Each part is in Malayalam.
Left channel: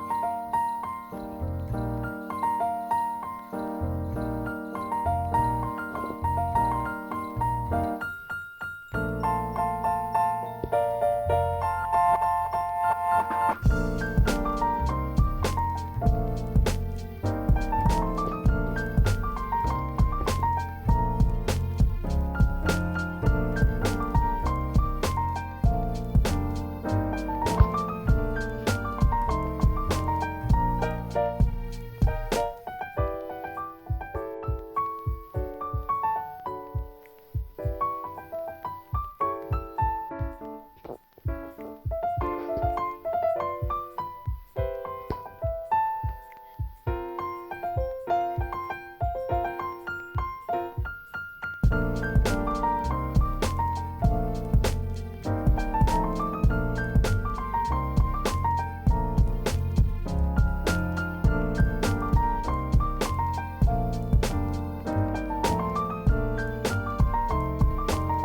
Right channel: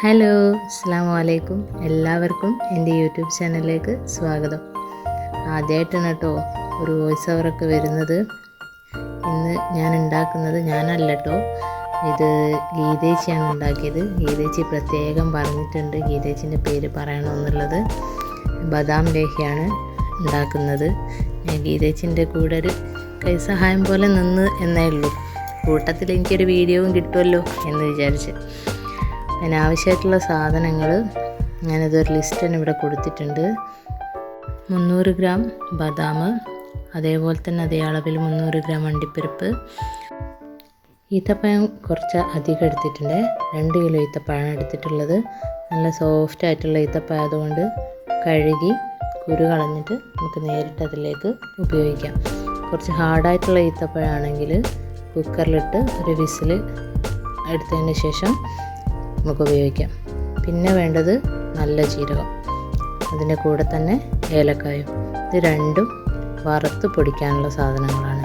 ഹലോ അസ്സാം വലൈക്കും എല്ലാവർക്കും എന്റെ യൂട്യൂബ് ചാനലിലേക്ക് സ്വാഗതം. ആദ്യമായിട്ടാണ് കേട്ടോ ഒരു വോയിസ് ഓവറൊക്കെ വരുന്നത്. ഇന്ന് ഞാൻ ഉണ്ടാക്കുന്നത് ഞാനല്ല കേട്ടോ. ഇത് ഗീതേച്ചിയാണ് ഉണ്ടാക്കിയത്. ഗീതേച്ചി പ്രത്യേകം പറഞ്ഞിട്ടുണ്ട് ഗീതേച്ചിന്റെ പേര് പറയണമെന്നുള്ളത്. ബദാം ലേഹിയാണ് ഉണ്ടാക്കുന്നത്. ഗീതേച്ചിന്റെ കൂടെ ഒരു കൈസഹായം പോലെ നിന്ന് എന്നേ ഉള്ളൂ. കൂട്ടത്തിൽ എനിക്കൊരു വീഡിയോയും കിട്ടുമല്ലോ എന്ന് വിചാരിച്ച്. അതിന് ആവശ്യമായിട്ടുള്ള സാധനങ്ങൾ ഞാനിതൊരു ലിസ്റ്റ് തന്നെ ഇവിടെ കൊടുത്തിട്ടുണ്ട്. മുന്നൂറ് ഗ്രാം ബദാം അതേപോലെ തന്നെ അതേ അളവിൽ മുന്നൂറ് ഗ്രാം അണ്ടിപ്പരിപ്പ്. ഈത്തപ്പഴം കുറച്ച് അധികം എടുത്തിട്ടുണ്ട്. രണ്ട് കിലോ ഈത്തപ്പഴം എടുത്തിട്ടുള്ളത്. നല്ല സോഫ്റ്റ് ആയിട്ടുള്ള ഈത്തപ്പഴം അതുകൊണ്ട് കഴുകി കുരു കളഞ്ഞിട്ട് നമുക്ക് നേരിട്ട് അതിലേക്ക് ഉപയോഗിക്കാം. കുറച്ച് ഹാർഡായിട്ടുള്ള ഈത്തപ്പഴമാണെങ്കിൽ കുക്കറിലിട്ട് ഒരു വിസിൽ എടുത്തതിന് ശേഷം നമുക്ക് ഉപയോഗിക്കാം. പിന്നെ വേണ്ടത് നല്ല ജീരകം. അതിന്റെ കൂടെ തന്നെ ഏലക്കായും. ഇത് രണ്ടും വറുത്ത് പൊടിക്കാനുള്ള സാധനങ്ങളാണ്.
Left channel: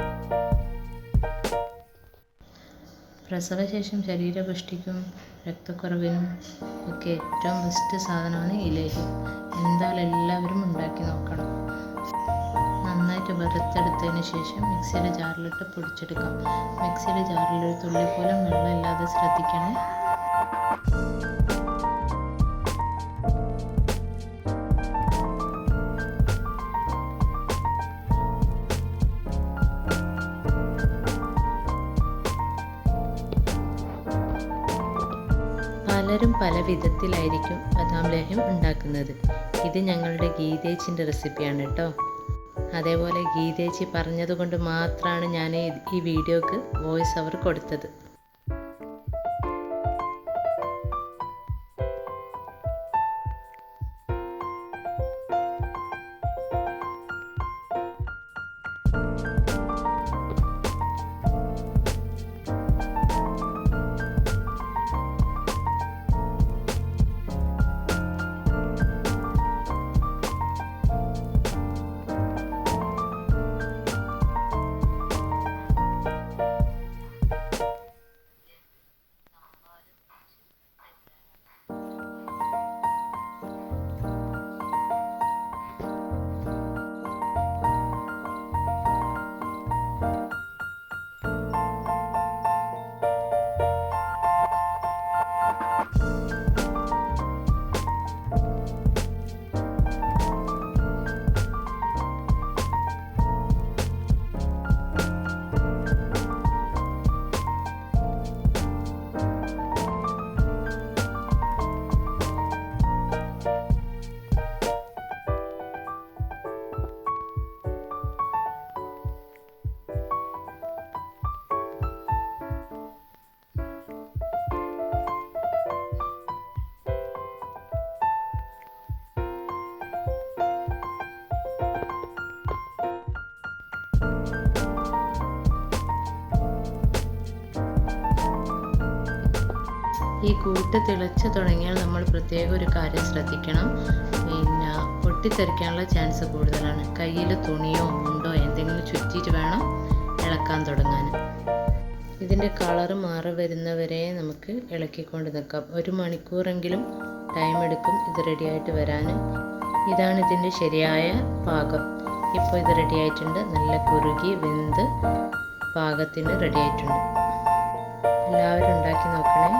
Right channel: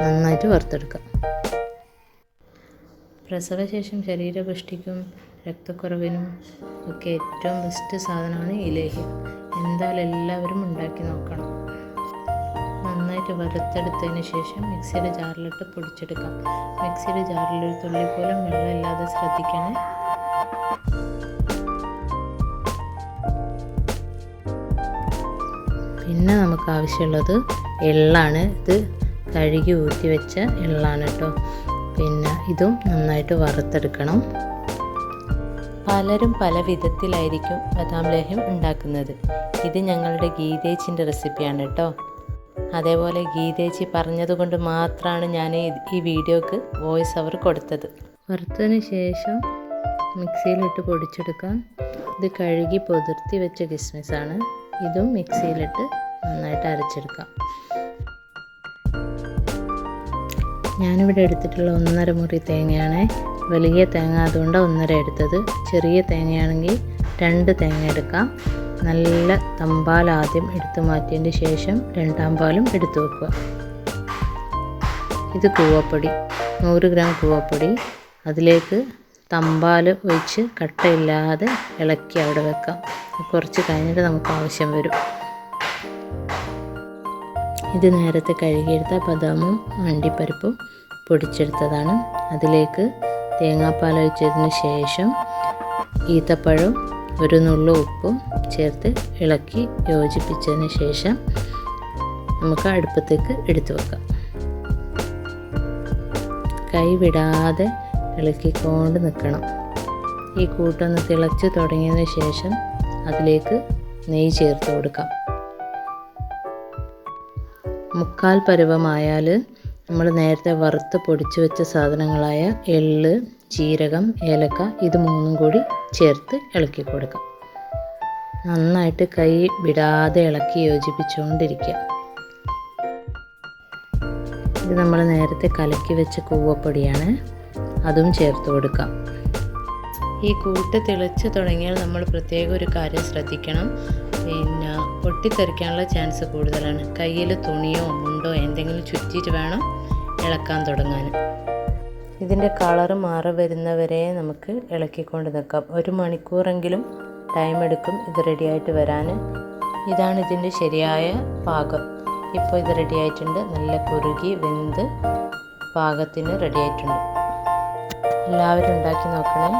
നന്നായിട്ട് വറുത്തെടുക്കാം. പ്രസവശേഷം ശരീരപുഷ്ടിക്കും രക്തക്കുറവിനും ഒക്കെ ഏറ്റവും ബെസ്റ്റ് സാധനമാണ് ഇലേഹി എന്തായാലും എല്ലാവരും ഉണ്ടാക്കി നോക്കണം. നന്നായിട്ട് വറുത്തെടുത്തതിന് ശേഷം മിക്സിയുടെ ജാറിലിട്ട് പൊടിച്ചെടുക്കാം. മിക്സിയുടെ ജാറിൽ ഒരു തുള്ളി പോലും വെള്ളമില്ലാതെ ശ്രദ്ധിക്കണേ. ആവശ്യമുള്ളത് എള്ളാണ്. ഇത് കഴുകി ഊറ്റി വെച്ച എള്ളാണ് കേട്ടോ. പിന്നെ ഇതും നന്നായിട്ട് വറുത്തെടുക്കണം. പലരും പല വിധത്തിലായിരിക്കും ബദാം ലേഹ്യം ഉണ്ടാക്കുന്നത്. ഇത് ഞങ്ങളുടെ ഗീതേച്ചിന്റെ റെസിപ്പിയാണ് കേട്ടോ. അതേപോലെ ഗീതേച്ചി പറഞ്ഞതുകൊണ്ട് മാത്രമാണ് ഞാൻ ഈ വീഡിയോക്ക് വോയിസ് അവർ കൊടുത്തത്. വറുത്തതിന് ശേഷം മിക്സിയിലിട്ട് പൊടിച്ചെടുക്കാം. ഇത് കഴുകി പൊതിർത്തി വെച്ച കിസ്മിസാണ്. ഇതും മിക്സിയിലിട്ട് നന്നായിട്ട് അരച്ചെടുക്കാം. ഞാനിവിടെ എടുത്തിട്ടുള്ള ഒന്നര മുറി തേങ്ങയാണ്. വലിയ തേങ്ങ അതുകൊണ്ട് ഒന്നര എടുത്തത്. ചെറിയ തേങ്ങയാണെങ്കിൽ രണ്ട് തേങ്ങ എടുക്കാം. നല്ല തമ്പാൽ ആദ്യം എടുത്തു മാറ്റിയതിന് ശേഷം രണ്ടാം പാലും എടുത്തു വെക്കുക. ഇത് കൂവപ്പൊടി നൂറ് ഗ്രാം കൂവപ്പൊടി. അതിലേക്ക് തമ്പാൽ ഒഴിച്ച് കട്ടയില്ലാതെ ഇളക്കി അവിടെ വെക്കാം. കുറച്ച് കഴിഞ്ഞിട്ട് നമുക്ക് ആവശ്യം വരും. ഇത് നേരത്തെ കഴുകിയെടുത്ത ബദാമും അണ്ടിപ്പരിപ്പും പൊടിച്ചെടുത്തതാണ്. അതിലേക്ക് തേങ്ങാപ്പാൽ ഒഴിച്ചതിന് ശേഷം ഈത്തപ്പഴവും ഒരു നുള്ളു ഉപ്പും ചേർത്ത് ഇളക്കി യോജിപ്പിച്ചതിന് ശേഷം നമുക്ക് അടുപ്പത്തേക്ക് എടുത്തു വെക്കാം. കൈ വിടാതെ ഇളക്കിക്കൊണ്ട് നിൽക്കണം. ഈ കൂട്ടൊന്ന് തിളച്ച് തുടങ്ങിയതിന് ശേഷം അതിലേക്ക് നെയ്യ് ചേർത്ത് കൊടുക്കാം. മുക്കാൽ പരുവമായാൽ നമ്മൾ നേരത്തെ വറുത്ത് പൊടിച്ചു വെച്ച സാധനങ്ങളായ എള്ള് ജീരകം ഏലക്ക ഇത് മൂന്നും കൂടി ചേർത്ത് ഇളക്കി കൊടുക്കാം. നന്നായിട്ട് കൈ വിടാതെ ഇളക്കി യോജിപ്പിച്ചുകൊണ്ടിരിക്കുക. ഇത് നമ്മൾ നേരത്തെ കലക്കി വെച്ച കൂവപ്പൊടിയാണ്. അതും ചേർത്ത് കൊടുക്കാം. ഈ കൂട്ട് തിളച്ച് തുടങ്ങിയാൽ നമ്മൾ പ്രത്യേക ഒരു കാര്യം ശ്രദ്ധിക്കണം. പിന്നെ പൊട്ടിത്തെറിക്കാനുള്ള ചാൻസ് കൂടുതലാണ്. കയ്യിൽ തുണിയോ മുണ്ടോ എന്തെങ്കിലും ചുറ്റിയിട്ട് വേണം ഇളക്കാൻ തുടങ്ങാൻ ഇതിന്റെ കളർ മാറി വരുന്നവരെ നമുക്ക് ഇളക്കിക്കൊണ്ട് നിൽക്കാം. ഒരു മണിക്കൂറെങ്കിലും ടൈം എടുക്കും ഇത് റെഡിയായിട്ട് വരാൻ ഇതാണ് ഇതിന്റെ ശരിയായ പാകം. ഇപ്പോൾ ഇത് റെഡിയായിട്ടുണ്ട്. നല്ല കുറുകി വെന്ത് പാകത്തിന് റെഡിയായിട്ടുണ്ട്. എല്ലാവരും ഉണ്ടാക്കി നോക്കണേ.